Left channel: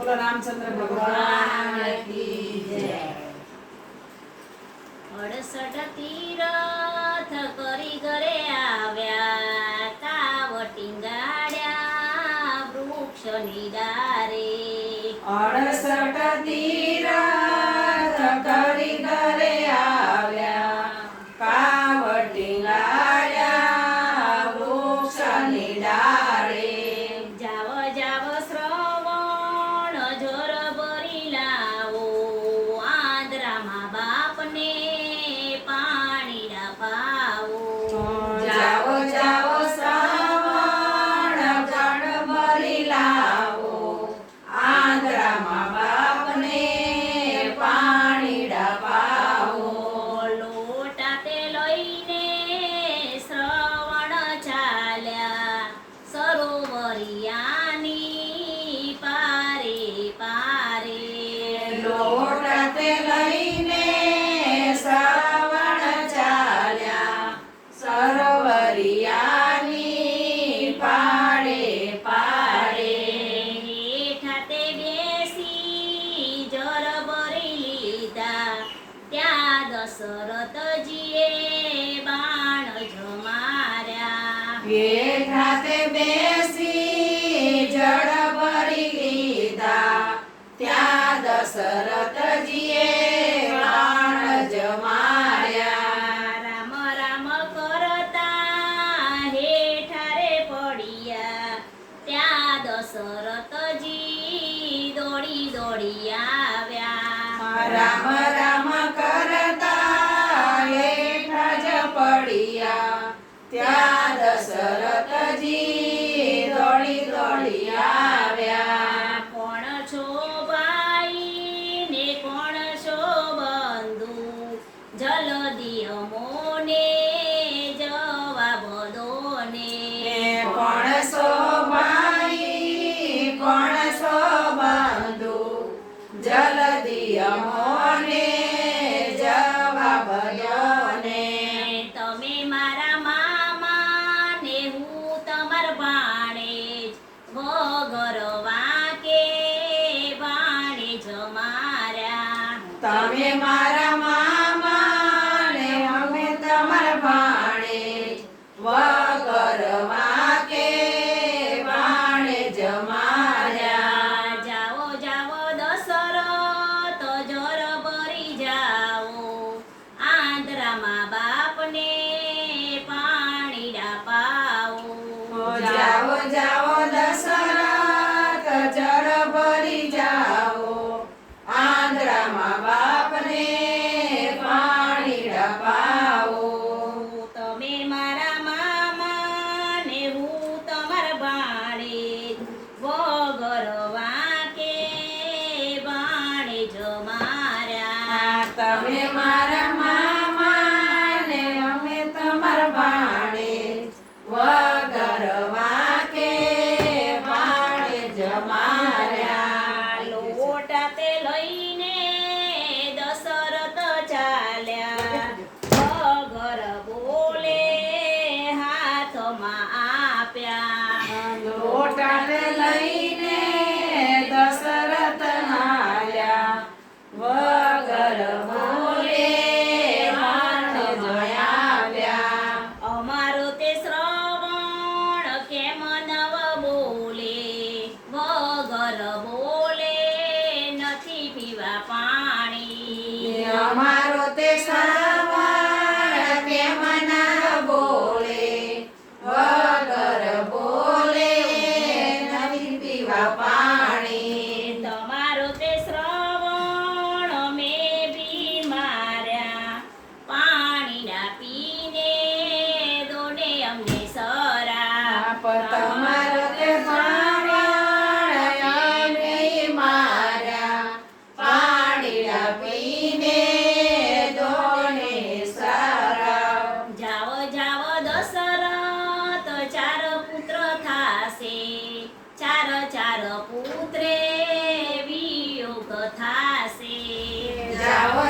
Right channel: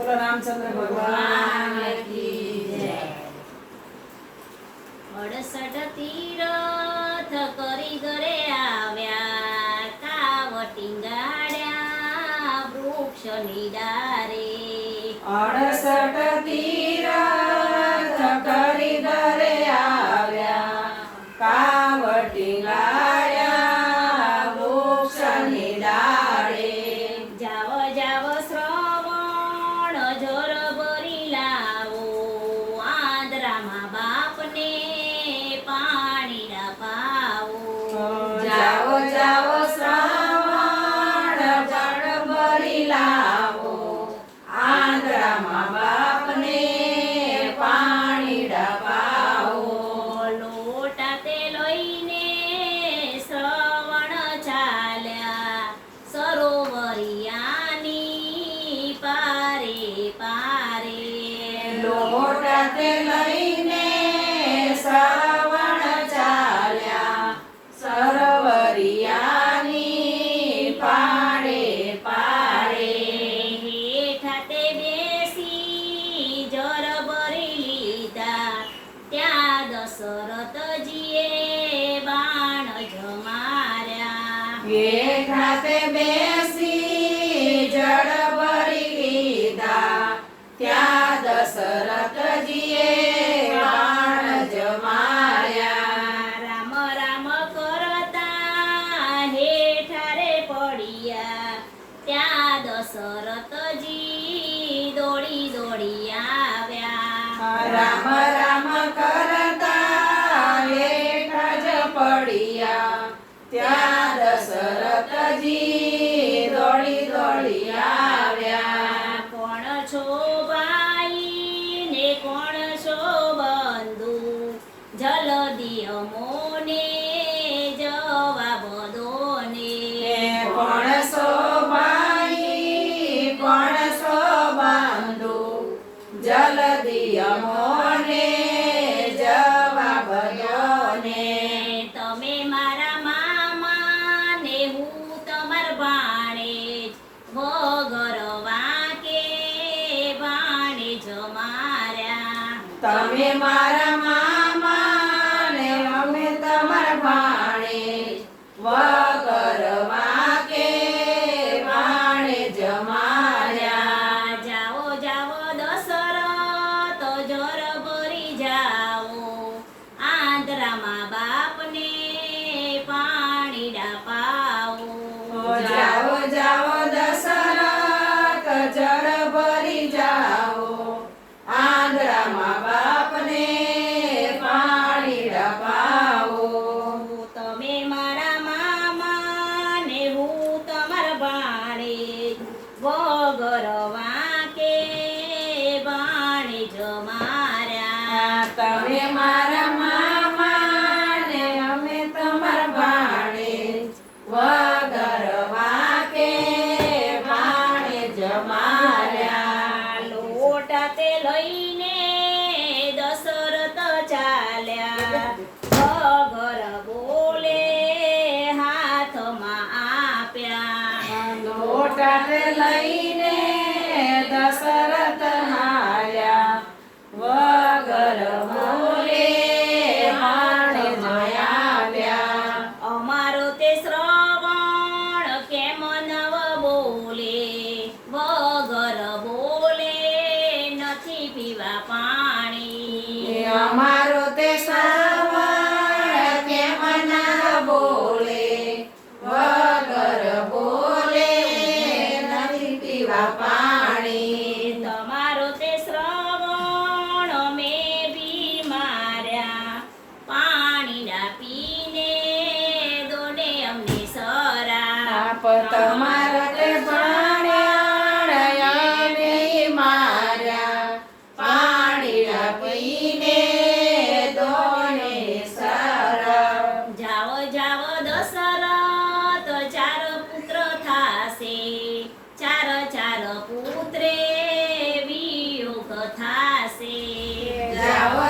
બોલો રામચંદ્ર ભગવાન અડસઠ તીરથ કરી ઘરે આવ્યા કાવટી ગાડ્યા વૃક્ષ નિડારે. અડસઠ તીરથ આંધ્રામાં બાપને ત્યાં દશરથજીએ બાણ જમાર્યા. બેઠા તે બેસી જળ ભરી લીધા. ત્યાં દશરથજીએ બાણ જમાર્યા. રામ રામ કરતા પડ્યા. ત્યાં દશરથજી દોડી દોડી આવ્યા. રામ રામ કરતા દશરથજી દોડી દોડી આવ્યા. કોણ છો ભાઈ ને કોણ છો બંધુ? જલદી અમોને જવાબ દોને કોણ છો ભાઈ કોણ છો બંધુ? જલદી અમોને તમે મારા મામા ને અમે તમારા ભાણે વગર વાકે ભાણે જમાર્યા. જાઓ જાઓ દશરથ જર ભરી જાઓ. આંધ્રામાં બાપને પાણી પાઓ જાઓ જાઓ તમે મારા મામા ને અમે તમારા ભાણે વગર વાકે પાણે જમાર્યા પીવા પાણી. અમારો તે શ્રવણ કેમ બોલે વગર બોલે નથી પીવા પાણી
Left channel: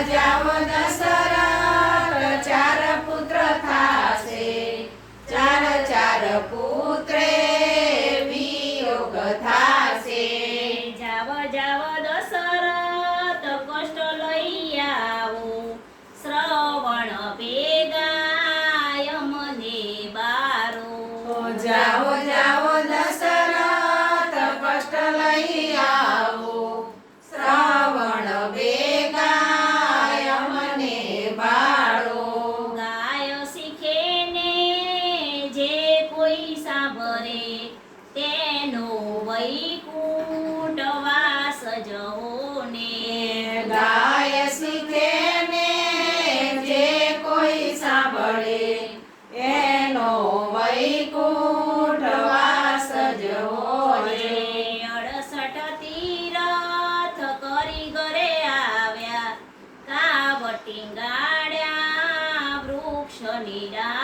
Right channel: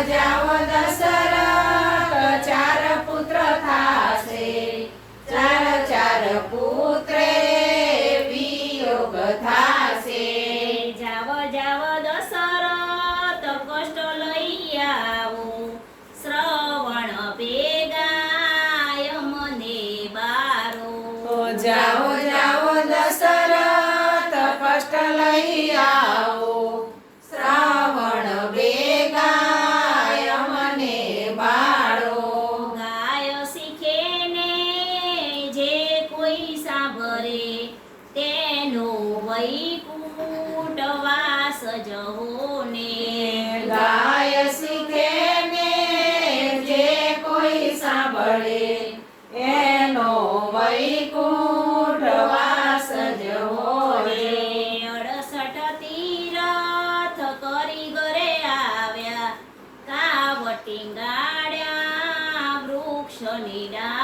જાઓ જાઓ પડે. એનો વૈકુંઠવાસ જ અડસઠ તીરથ કરી ઘરે આવ્યા. કાવટી ગાડ્યા વૃક્ષ નિડા